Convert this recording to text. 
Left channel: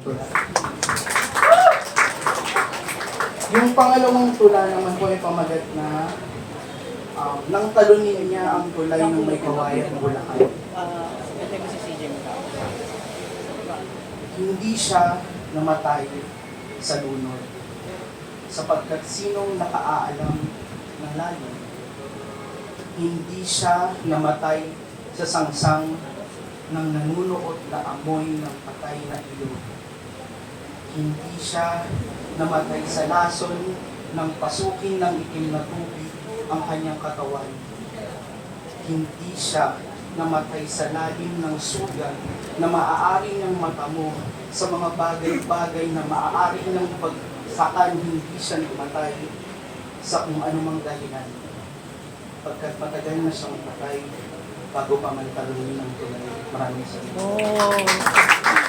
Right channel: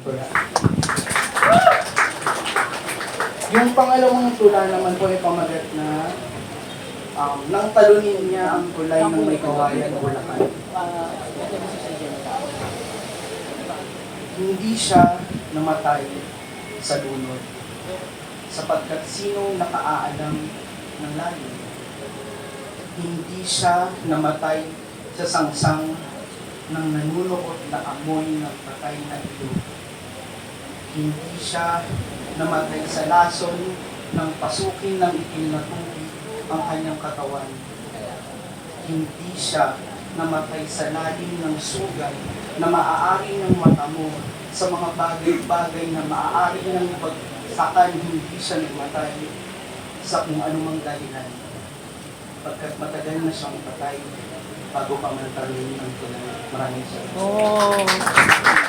tula. Yung pangalawang tula naman po ay pamagat na um, nang talunin niya ang tulay ng may kawayan bulakan. Hindi siya namatay sa lunod sapagkat sinong nakaalam ng lalim. Hindi siya namatay sa sangsang ng nanunuot na amoy ng patay na ilog. Hindi siya namatay sa lason ng pasukin ng itim na tubig ang kanyang katawan. Hindi siya namatay sa lalim ng sugat na maaari ng mata mo sa mga bagay-bagay na maaari ng pagsakan hindi siya namatay sa kung anumang dahilan. Pagkat matagal na siyang patay bago pa man ng tulad. Maraming salamat. Oh.